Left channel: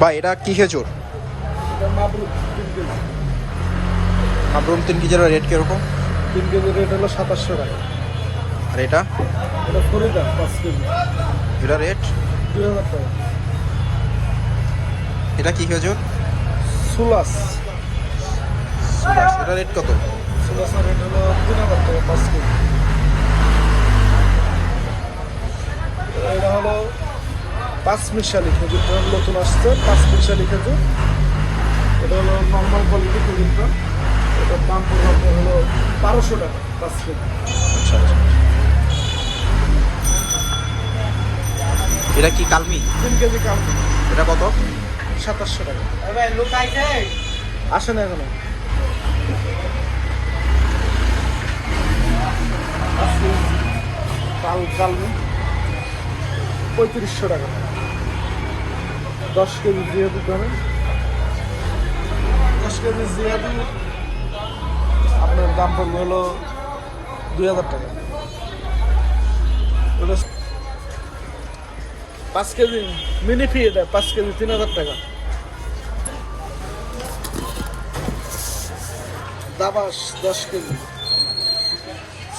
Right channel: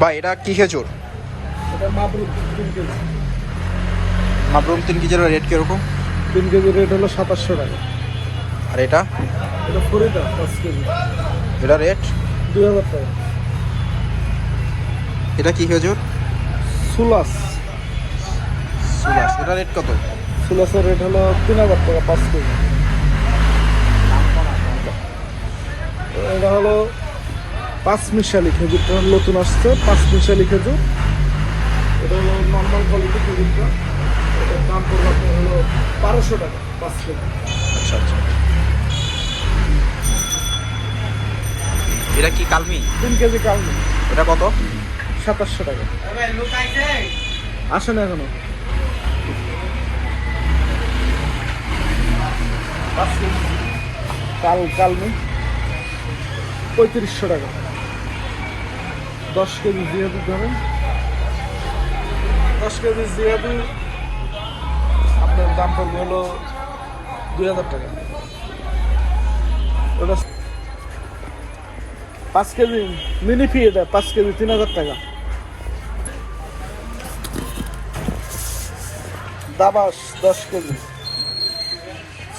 ভাই এটা কি খেজুর? এটা মাবরুম 3 কেজি। মাবরুম 3 কেজির রেট কিরকম? 3 কেজির রেট হলো 2700 টাকা। আর এটা? এটা ফরিদা 5 কেজি, এটা রেট? 2000 টাকা। এটা কি খেজুর? সুলাস, সুলাস, এটা রেট কত? সুলাসের রেট হলো 3000 টাকা 5 কেজি। এটা হলো 5 মিশালি খেজুর, নতুন আসছে 5 মিশালি খেজুর। এটা হলো নর্মাল কোয়ালিটি খেজুরটা। এটার দাম পড়বে আপনার হলো 1200 টাকা 5 কেজি। আচ্ছা আচ্ছা। এটা কি কালমি? 3 কেজি দাম এটা কত? 2700 টাকা। আসে না এখনো। কালমি 3500 টাকা। 10 কেজি জিয়াদু ধরুন, 10 কেজি জিয়াদু আপনার দাম পড়বে হলো 2000 টাকা। এটা 5 কেজি মিনি ফি, এটা 5 কেজি 3000 টাকা। দাবাস 10 কেজি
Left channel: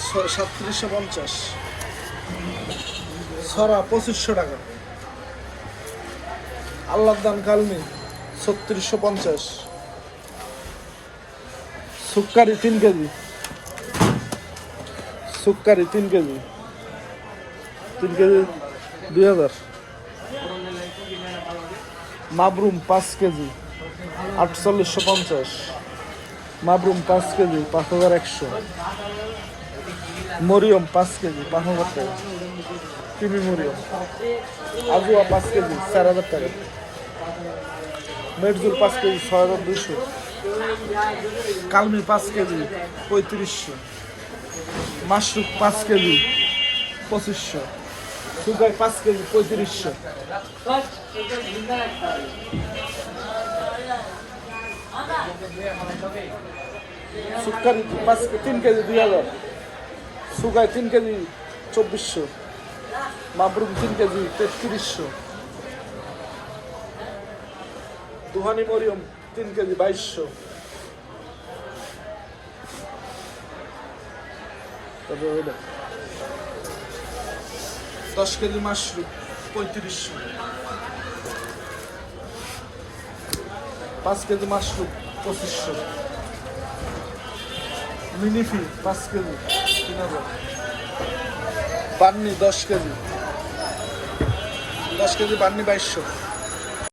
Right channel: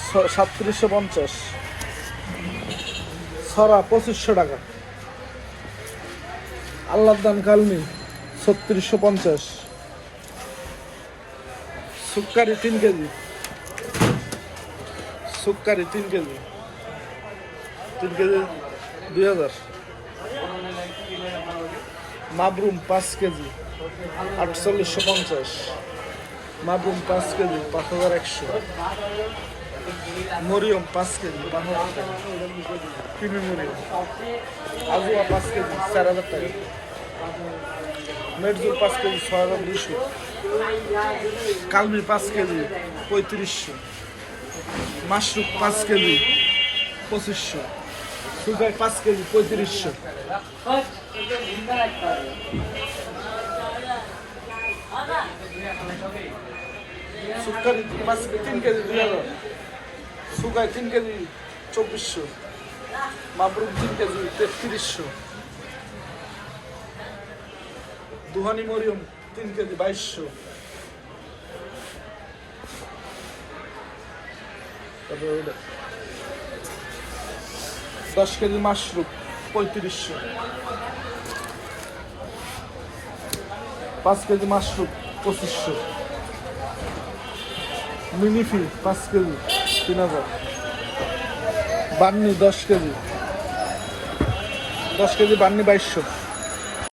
3750। ছড়া 2500 টাকা। আল্লাহর দান কালমি 3650। সুক্কারি 3 KG, সুক্কারি 3 KG 2000। মাবরুম 5 KG 4850। মাবরুম 5 KG 5100। Mariam 5 KG 5000 টাকা। চিনি মরিয়ম। আজুয়া 5 কেজি 4000 টাকা। মেটজুল 5 KG 6200। কালমি 5 KG 3500। মাশরুক 5 KG 2500। Sugar 5 KG 3500। Sugar 3 KG 2000। Sugar 3 KG 2400। মাবরুম 3 KG 3300। দুহানি Mariam 3 কেজি 2200। তারপর 10 কেজি মাশরুম 3500। 5 কেজি মাশরুম 2500। মিনিফি 5 কেজি 3000। বান্নি 10 কেজি, 10 কেজি বান্নি 2200।